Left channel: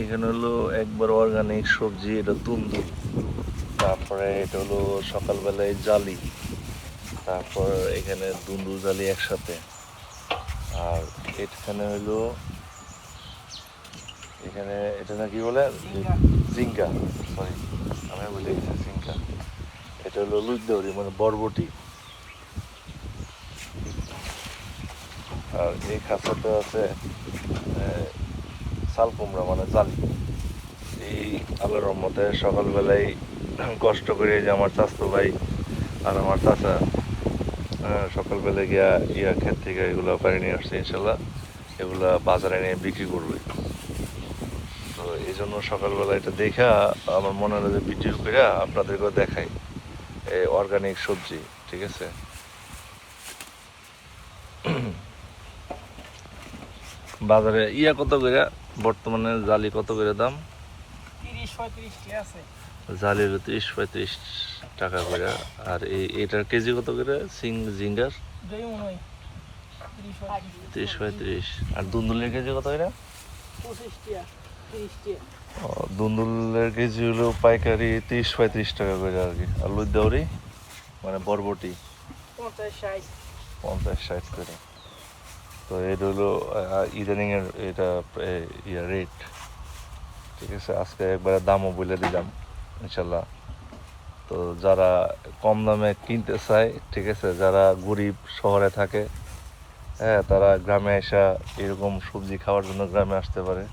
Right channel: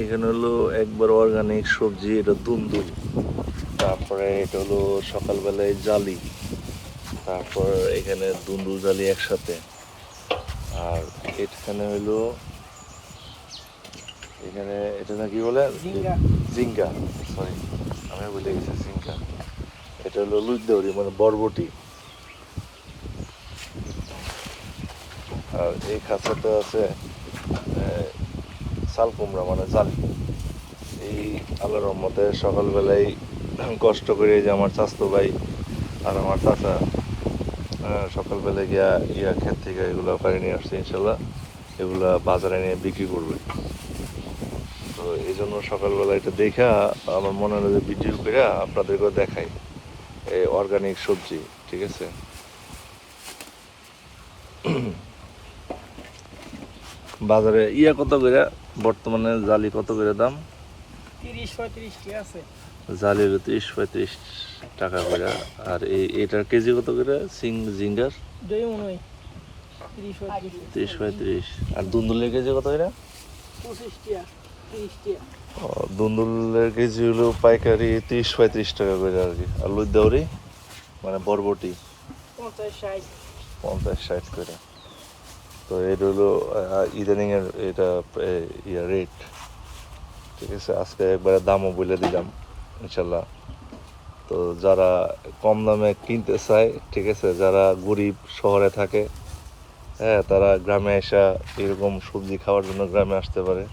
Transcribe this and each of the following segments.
এখানে হলো একবার অর্গানিক সবজি, এটা দুন্দুল। তারপরে এটা হলো সকালবেলায় জালি। তারপর এখানে দুন্দুল জালি একসাথে। আর এখানে হলো, এখানে এটা নাকি বলে জিঙ্গা, সরি আমি বলে গেছি জিঙ্গা। এটা হলো লুইদৌরি মানে বরবটি। আর এই খাঁচাতে আছে চাল কুমড়া মানে জালি। এই আল্লাহর রহমতে সকালবেলায় কষ্ট করে যে আমার চাচতো ভাই আর আমার চাচা সকালবেলা গিয়া ক্ষেত থেকে এগুলো পেরে নিয়ে আসছে, ইনশাল্লাহ এগুলো বাজারে নিয়ে বিক্রি করবে। তো এই জন্য সকালবেলা এটা দেখা আমার মনে হলো যে ভিডিও করে আপনাদেরকেও দেখাই এই অর্গানিক সবজি, ঠিক আছে। বাজারে কত করে বর্তমানে জালি, কত করে দাম? 30-35 টাকা আছে জালির 30-35 টাকা করে। আর এটার কেজি কত করে জিঙ্গার? 30-35। আর দুন্দুলের কেজি কত করে? 25 টাকা 30 টাকা। দুন্দুলের কেজি হলো পাইকারি 30-35 টাকা করে আর কি। আর লুইদৌরি মানে বরবটি 50-60 করে। তো এটা হলো ইদানিং এর এটা রেট, ঠিক আছে। আজকে একবারে দামও বলে দিলাম ইনশাল্লাহ। তো যারা কম দামে কিনতে চায়, ঠিক আছে, যারা গরিব শহরে থাকে, হ্যাঁ, তারা গ্রামে এসে এরকম সবজি খাওয়ার জন্য গ্রামে আসতে পারে।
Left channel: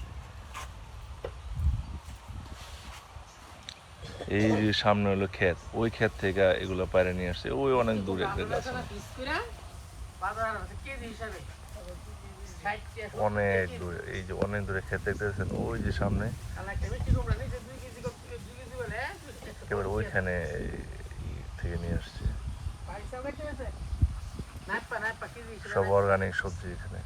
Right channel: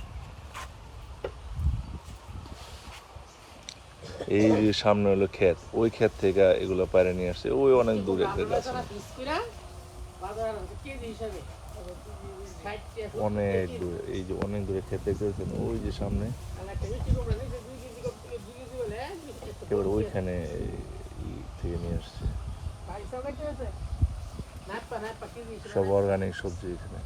এই যে সামনে হলো ক্ষেত, ওই ক্ষেত থেকে এগুলো পায়রা নিয়ে আসছে, ওই অনেক দূরে একটা গাছ, অনেক দূরে। এই যে অনেক দূরে ক্ষেত দেখতেছেন, ওই যে সামনে একেবারে ওইখানে থেকে নিয়ে আসছে সব অর্গানিক সবজি এখানে।